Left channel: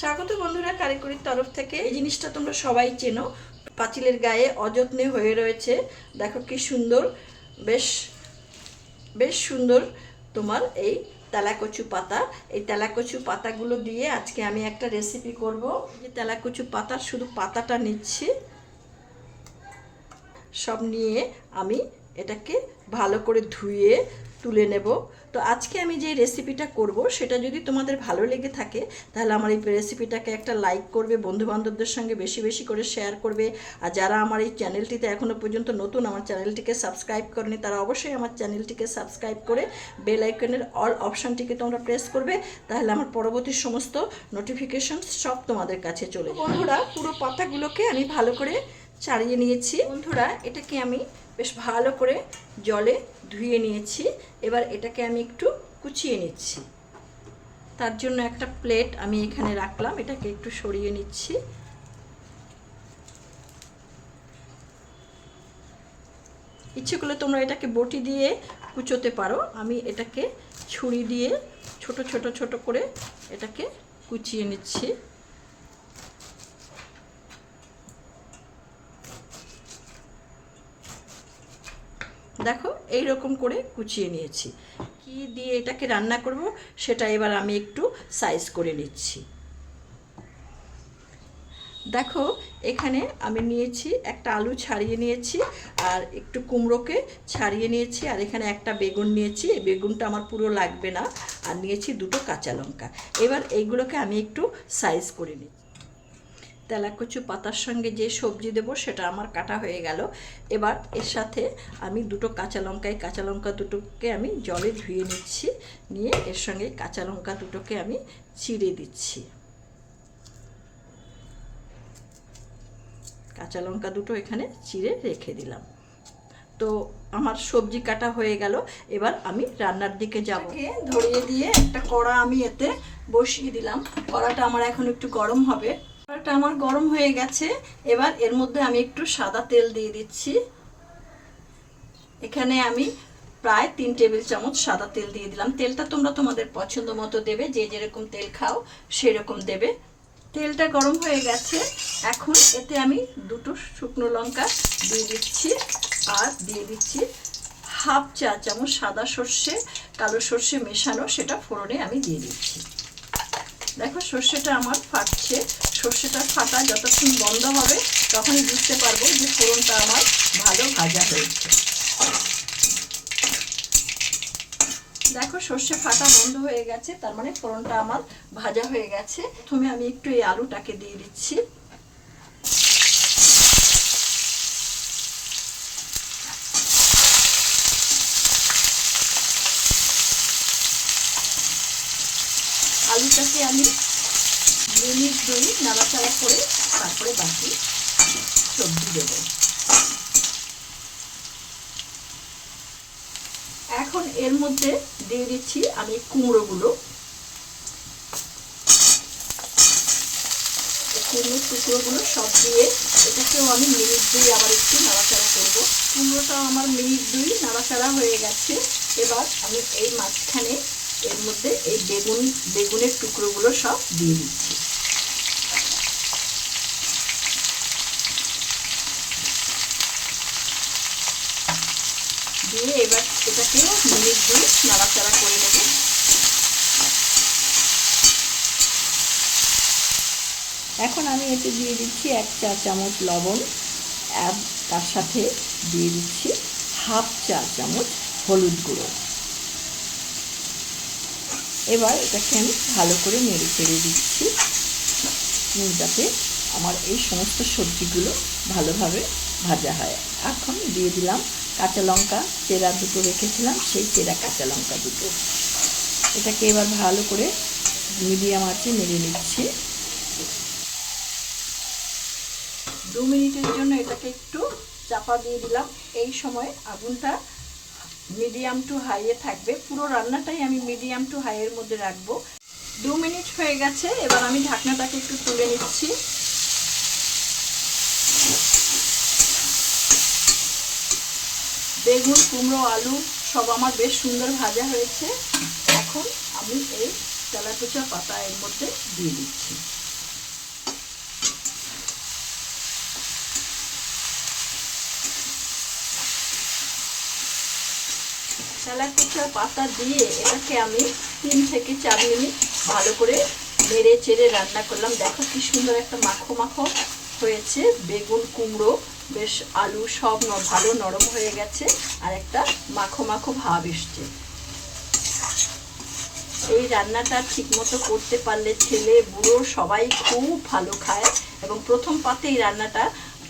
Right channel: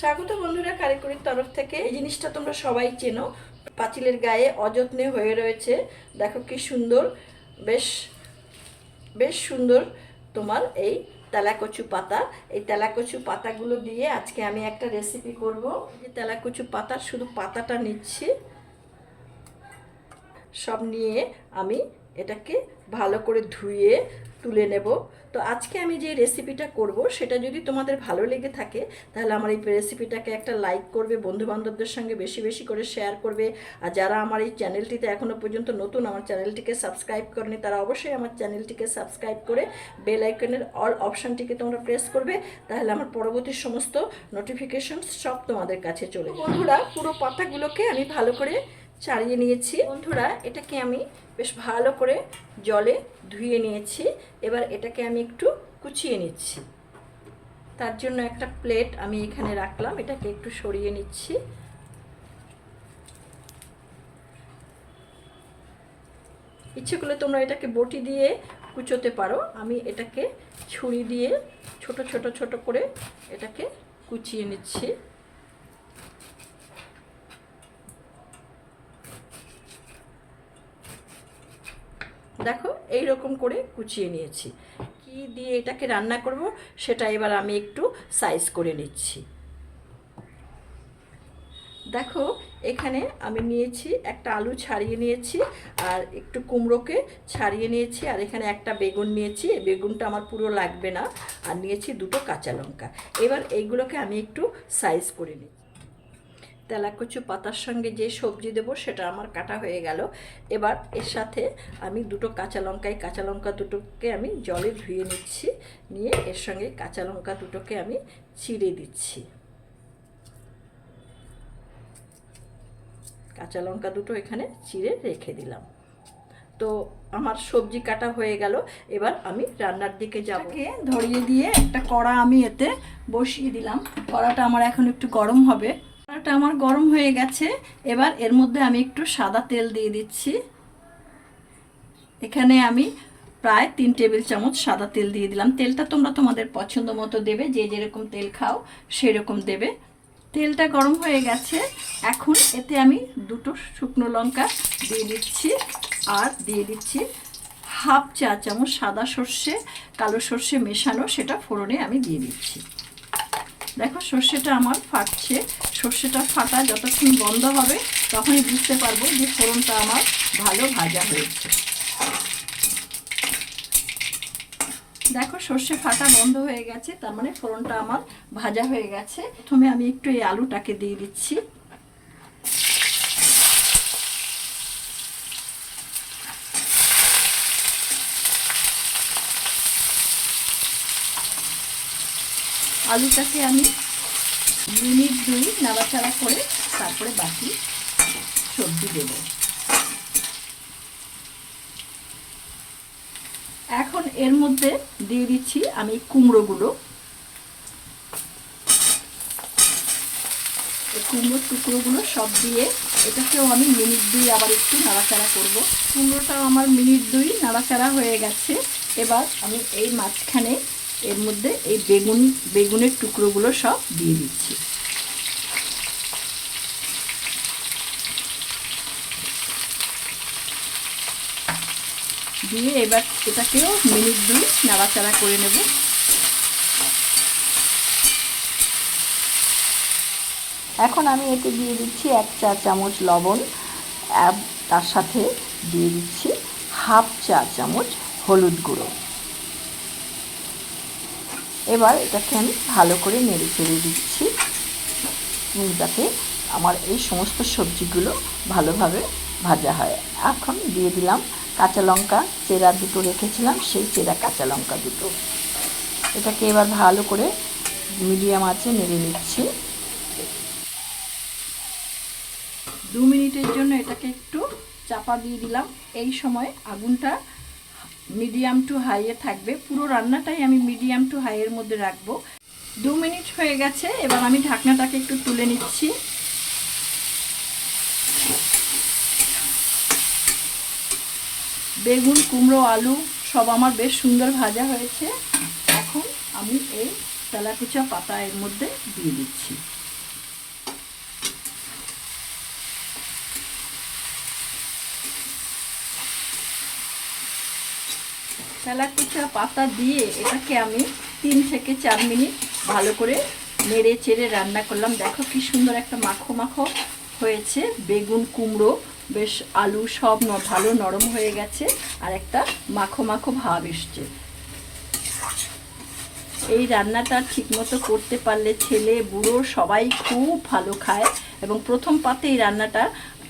স্বাগত বন্ধুরা কারিগরির তরফ থেকে। এই জিনিসটা তোমরা সবাই চেনো। পাঁচিলের গায়ে অযত্নে হয়ে রয়েছে। দেখো কি সুন্দর, বেশ বেশ সুন্দর তোমার এই তেলাকচু পাতা। এই তেলাকচু পাতাগুলো দিয়ে আজকে আমি একটা রেসিপি করব। এই তেলাকচু পাতার শুধু পাতাটা নিচ্ছি। সব নিয়ে আমি এটাকে ভালো করে ধুয়ে তুলে নেব। তো আজকে আমি যে রেসিপিটা করব সেটা যদি তোমাদের ভালো লেগে থাকে তাহলে আমার এই রেসিপিটাকে একটা লাইক করবে বন্ধু বান্ধবদের সঙ্গে বেশি বেশি করে শেয়ার করবে। আর যারা আমার এই চ্যানেলটিতে এখনও পর্যন্ত নতুন আমার চ্যানেলটিকে সাবস্ক্রাইব করেনি তারা অবশ্যই আমার চ্যানেলটিকে সাবস্ক্রাইব করে বেল আইকনের অল অপশানটিকে তোমরা প্রেস করবে। তাহলে আমার পরবর্তী সমস্ত নোটিফিকেশন সব তোমাদের কাছে চলে বন্ধুরা পুরো পাতাগুলোকে আমি ভালো করে ছাড়িয়ে নিয়েছি। বন্ধুরা, এটাকে আমি বেশ ভালো করে জলে ধুয়ে নিয়েছি। এবার এটাকে আমি একটু কুচিয়ে নিচ্ছি। তার জন্য একটা প্লেট আমি এখানে রাখলাম। এটাকে একটু সরিয়ে নিচ্ছি। ইচ্ছে করলে তোমরা এটাকে বটি দিয়ে কুচোতে পারো। আমি এটাকে ছুরি দিয়ে ছোট ছোট ছোট করে এটাকে কুচিয়ে নিচ্ছি। দেখো এই রকম করে কুচিয়ে নিয়েছি। কি দিয়ে এটাকে রান্না করব, সেটা এবার আমি একটু সাইজ করে নিচ্ছি। দেখো, এখানে আমি নিয়েছি একটা আলু ছাড়িয়ে নিয়েছি, আর একটু কুমড়োকে ছাড়িয়ে নিয়েছি, আর এখানে একটা বেগুন নিয়েছি। এই বেগুনটা আমার পুরো লাগবে না, আর নিয়েছি দুটো কাঁচা লঙ্কা। এবার এইগুলোকে আমি একটু সাইজ করে নিই তেলাকচু পাতার সঙ্গে যে সবজি দেবো সেটা আমার কাটা হয়ে গেল। এবার এর সাথে আমি দুটো কাঁচা লঙ্কা এই কাঁচা লঙ্কা দুটোকে আমি জলে ধুয়ে নিচ্ছি, নিয়ে এর সঙ্গে কাঁচা লঙ্কা দুটোকে আমি চিড়ে দিচ্ছি। কাঁচা লঙ্কা দুটো এখানে চিড়ে রেখে দিলাম। তো আমার সবজি কাটা হয়ে গেল, এবার আমি রান্নার দিকে যাব। ধরিয়ে দিয়ে একটা কড়া আমি এতে বসিয়ে দিলাম। কড়াটা আমার এখন একটু গরম হবে। কড়াটা আমার গরম হয়ে গেছে। এবার এর মধ্যে আমি একটু সাদা তেল দিয়ে দিচ্ছি। এখানে আমি প্রায় তিন টেবিল চামচ সাদা তেল দিয়ে দিলাম। তেলটা তোমরা তোমাদের পছন্দ মতো দেবে, যে যেরকম তেল খাও সেরকম দেবে। তেলটা গরম হয়ে গেছে। এখন এতে আমি দুটো শুকনো লঙ্কা দিয়ে দিচ্ছি আর দিয়ে দিচ্ছি হাফ চা চামচ সাদা সর্ষে, কালো সর্ষে মেশানো, সেটা ফোড়নে আমি দিয়ে দিচ্ছি। দেখো সর্ষেটা আমার ফাটছে। সর্ষেটা ফাটা যতক্ষণ বন্ধ হবে, তখনই বুঝতে পারব যে ফোড়নটা আমার ভালো ভাজা হয়েছে। দেখো, সর্ষে ফাটা বন্ধ হয়ে গেছে, তার মানে ফোড়নটা আমার ভাজা হয়ে গেছে। প্রথমে আমি একটু এই আলুটাকে দিয়ে দিচ্ছি। আলুটাকে আমি মিনিট দুই নাড়াচাড়া করে তারপরে বাকি সবজি দেব। এখন এর মধ্যে দিয়ে দিচ্ছি আমি কুমড়োগুলো। কুমড়োর টুকরোগুলো সব দিয়ে এটাকেও আমি মিনিট দুই আবার একটু নাড়াচাড়া করব। কুমড়োটাও আমার মিনিট দুই নাড়াচাড়া হয়ে গেছে। এবার আমি এই মাঝখানে এর মধ্যে এই বেগুন, বেগুনের টুকরোগুলো সব দিয়ে দিচ্ছি। দিয়ে এবার এটাকেও মিনিট দুই নাড়াচাড়া করে নেব। এখন আমি এতে দিয়ে দিচ্ছি এক চা চামচ লবণ তার সাথে দিয়ে দিচ্ছি হাফ চা চামচ হলুদ গুঁড়ো। এবার এটাকে আমি ভালো করে নেড়ে চেড়ে দিচ্ছি। যাতে আমার এই সমস্ত সবজিগুলো ভালোভাবে ভাজা হয়। এখন দিয়ে দিলাম কাঁচা লঙ্কা চেরা দুটো রেখেছিলাম, সেই চেরা কাঁচা লঙ্কা দুটো। এটাকে এবার ভালো করে মিডিয়াম আঁচে নেড়ে নিচ্ছি। দু মিনিটের জন্য এটাকে একটু চাপা দিয়ে দিলাম। এই সময় আগুনটা মিডিয়াম টু হাইয়ে থাকবে। পুরো রান্নাটাই আমি মিডিয়াম টু হাইয়ের মধ্যে রাখব। দু মিনিট হয়ে গেছে, এবার আমি ঢাকনাটাকে একটু তুলে নিচ্ছি। বেগুন, কুমড়ো, আলু সব আমার বেশ সুন্দর ভাজা হয়েছে। এখন আমি এই তেলাকুচা পাতা এর মধ্যে দিয়ে দিচ্ছি। তেলাকুচা পাতা দিয়ে এটাকে আমি তিন থেকে চার মিনিট ভালো করে নেড়ে চেড়ে রান্না করলাম। দেখো কি সুন্দর একটা মাখো মাখো হয়েছে। বেগুন, কুমড়ো বেশ আলু সব ভালো নরম হয়ে গেছে, আর একটা মাখো মাখো ভাব এসছে। এই রান্নাটা ঠিকমতো করতে পারলে ছেলে, বুড়ো সবাই খুব ভালো খায় এবং প্রথম পাতে এই রান্নাটা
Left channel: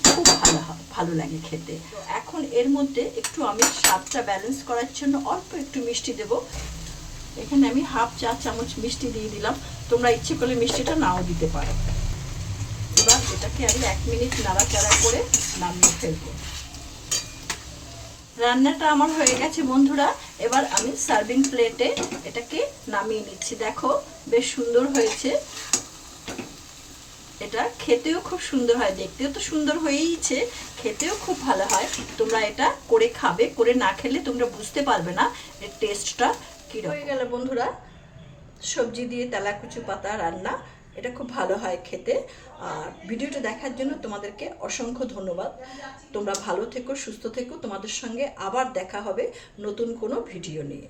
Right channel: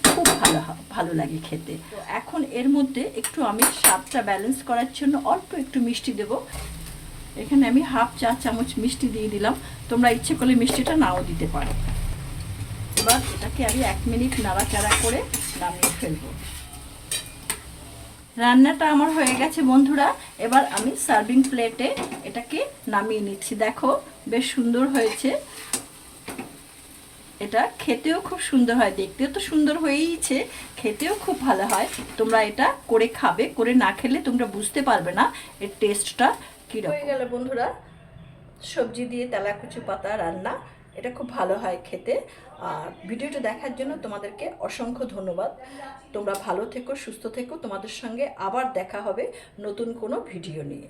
খুব ভালো ভালো লাগে খেতে। এখন এর মধ্যে একটু আমি স্বাদটা ব্যালেন্স করার জন্য অল্প একটু মিষ্টি দেব। এখানে আমি হাফ চা চামচ মিষ্টি দিয়ে দিলাম। তোমরা ইচ্ছে করলে মিষ্টিটা নাও দিতে পারো। এটাকে আমি এক মিনিট নাড়াচাড়া করে নামিয়ে ফেলব। রান্নাটা আমার হয়ে গেছে বন্ধুরা, এবার আমি সার্ভিং প্লেটে এটাকে নামিয়ে নিচ্ছি। দেখো, বেশ সুন্দর হয়েছে। এটা খেতেও খুব সুন্দর হয়, দেখতেও তো সুন্দর হয়েইছে, খেতেও খুব ভালো হয়। তোমরা এটা করে খাবে, করে না খেলে তোমরা বুঝতে পারবে না এর টেস্টটা কী হয়ে গেল বন্ধুরা, সবজি দিয়ে তেলাকুচু পাতা রান্না। এটা খুব ভালো হয় খেতে। আর ভিডিওটা দেখার জন্য তোমাদেরকে অসংখ্য ধন্যবাদ। তোমরা ভালো থেকো, সুস্থ থেকো। তোমাদের সঙ্গে আবার দেখা হবে নতুন কোনো ভিডিও নিয়ে।